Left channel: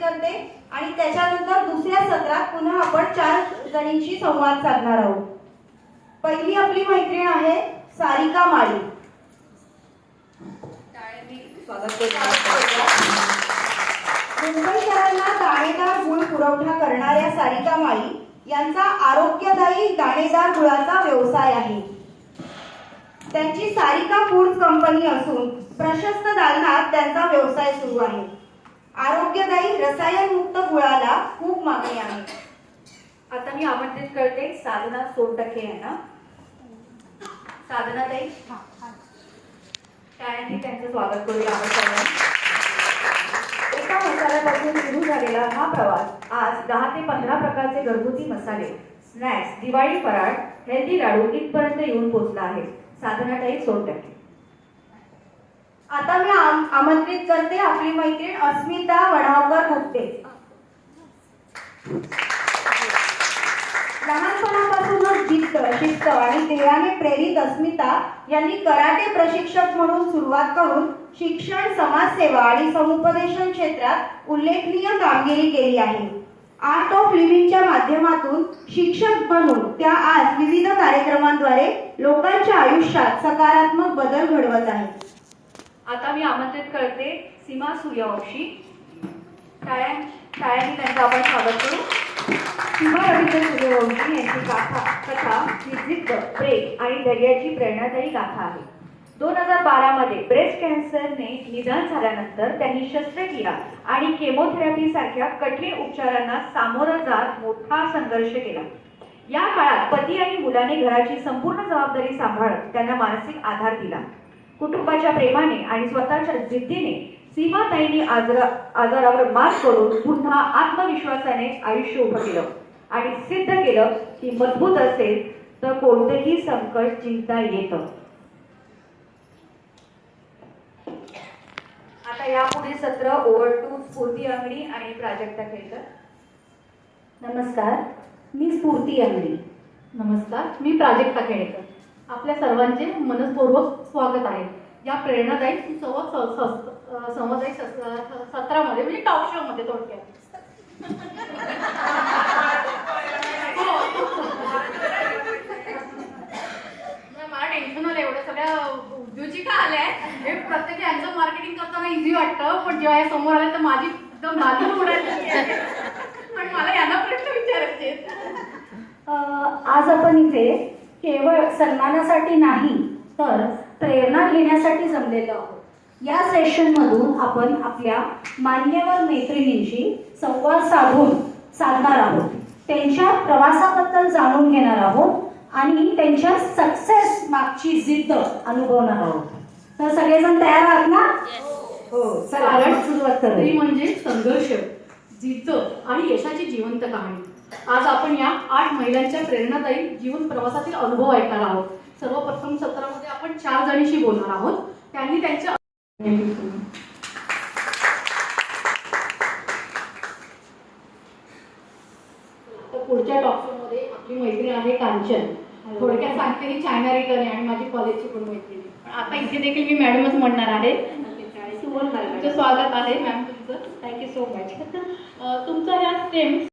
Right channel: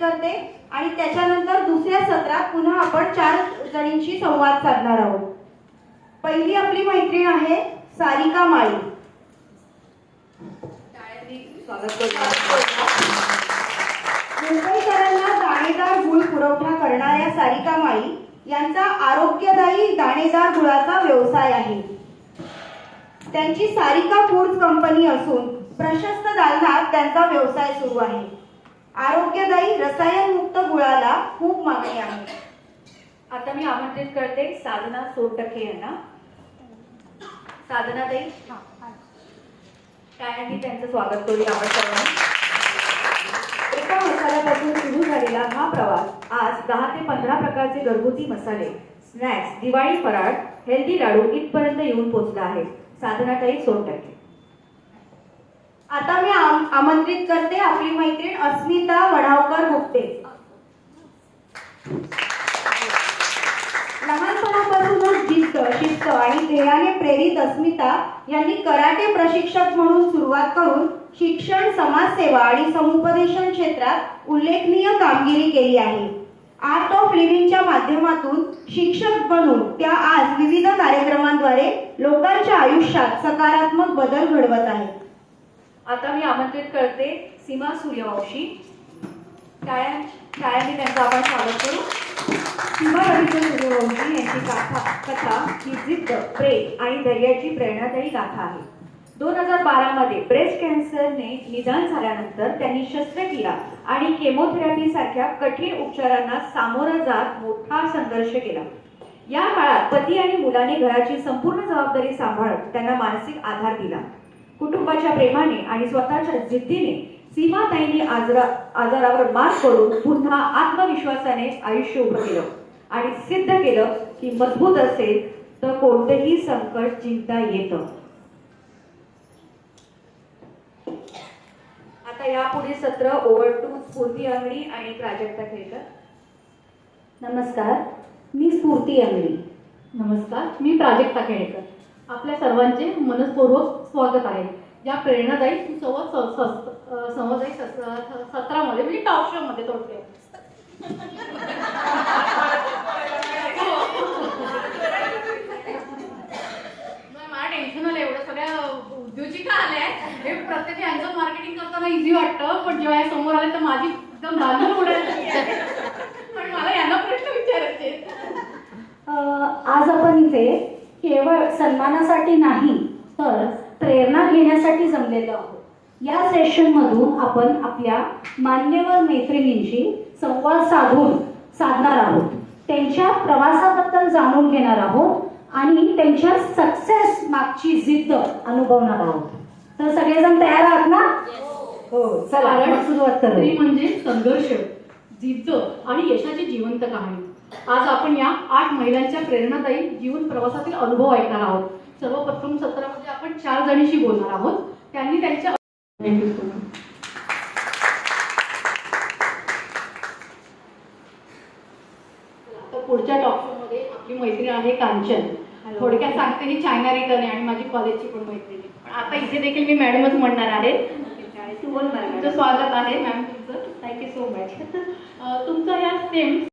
करते आणि त्याच्यानंतर दुसऱ्या सत्रात पुन्हा आपण 4 जणींशी संवाद साधणार आहोत. पहिली आपली मैत्रीण आहे सारिका माळी. मुंबईकरांना दाणेदार गुळ पुरवठा करणाऱ्या सारिका माळी यांचा आरोग्यदायी दाणेदार गुळाचा व्यवसाय आहे. त्यांची सारिका फूड्स कंपनी असून प्रशस्त दालनात त्यांचा व्यवसाय सुरू आहे. आरोग्यदायी रसायनमुक्त गुळाला खूप मागणी आहे. आता मी आमंत्रित करते साधना सोनटके यांना. साधना ताई, टाळ्यांनी त्यांचं स्वागत करूया आपण सगळ्यांनी. एका मसाल्यापासून सुरू झालेला हा प्रवास आज 10 ते 15 प्रकारचे घरगुती मसाले, स्नॅक्स, दिवाळी फराळ, हेल्दी लाडू इथपर्यंत येऊन पोहोचला आहे. साधनाताई सोनटके. आता मी आमंत्रित करते आपली मैत्रीण अस्मिता वडावकर गुप्ते. लहानपणापासूनच जिद्द, शिस्त आणि ध्येयाने प्रेरित अस्मिता यांनी कराटे प्रशिक्षक म्हणून सुरुवात करून शिक्षण, समाजसेवा आणि समुपदेशन क्षेत्रात उल्लेखनीय कामगिरी केली आहे. आर्ट ऑफ लिव्हिंगच्या माध्यमातून शिक्षक बनून त्या आज विविध कार्यक्रमांद्वारे लोकांच्या आयुष्यात सकारात्मक बदल घडवत आहेत. आता मी आमंत्रित करते सीमा सूर्यवंशी. टाळ्यांनी त्यांचं आपण स्वागत करू. सीमा रवींद्र सूर्यवंशी यांची कथा ही जिद्द, प्रेम आणि धैर्याची प्रेरणादायी गाथा आहे. 2012 मध्ये ब्रेस्ट कॅन्सरने निदान झाल्यानंतर त्यांनी शस्त्रक्रिया आणि केमोथेरपी सारख्या कठीण उपचारांना सामोरा जात मोठा संघर्ष केला. या काळात पती आणि मुलाने घराची संपूर्ण जबाबदारी सांभाळत त्यांना मानसिक आधार दिला. कुटुंबाच्या प्रेमाने आणि स्वतःच्या जिद्दीने सीमाताईंनी आजारावर मात करून पुन्हा आत्मविश्वासाने आयुष्य उभं केलं आणि सिद्ध केलं की मजबूत असेल तर कोणतेही संकट जिंकता येतं. आता यापुढे सत्र ओव्हर टू स्फूर्ती अंगडी आणि प्राजक्ता खेळकर. नमस्कार, मी स्फूर्ती अंगडी. नमस्कार, मी प्राजक्ता खेळकर. आपल्या सर्वांचे मनपूर्वक स्वागत आहे या प्रेरणादायी समजायी सत्रामध्ये, म्हणजे टॉक शो मध्ये थोडक्यात. मला टेन्शन आलं, एवढ्या सगळ्या उद्योजिका आल्या आहेत. हे प्रत्येक यांचं मार्केटिंग करताना इझी वाटतं, पण जेव्हा हे समोर आले तर माझी एकदम नाली उडायची आणि मला यांना प्रश्न विचारायचे. आज आपण इथे केवळ सन्मानासाठी नाही तर प्रेरणा घेण्यासाठी जमलेलो आहोत. या सेशनमधून आपण आपल्या मान्यवर मैत्रिणींशी संवाद साधणार आहोत. त्यांच्या प्रवासाबद्दल जाणून घेणार आहोत आणि त्यांच्या सक्सेस मागची जिद्द अनुभवणार आहोत. तर सगळेजण तयार आहात ना? हो. चला सुरुवात करूया. स्त्री म्हणजे संघर्ष, जिद्द आणि यशाची जिवंत कहाणी. आज आपण या 8 महिलांच्या प्रेरणादायी जीवन प्रवासातील अनुभव ऐकणार आहोत. सर्वप्रथम सत्रामध्ये आपण 4 जणींशी बोलणार आहोत. त्यांनी त्यांच्या पुढच्या टॉक शो मध्ये आपली मैत्रीण आहे कांचन. थोडक्यात सांगते, ही चायना रिटर्न आहे आणि माझी कॉलेजची पण मैत्रीण. पण आता इथे देखील मी मॅडमच म्हणणार आहे. तुमचं स्वागत आहे मॅम. तुमचं थँक्यू सो मच. तुमचं या सेम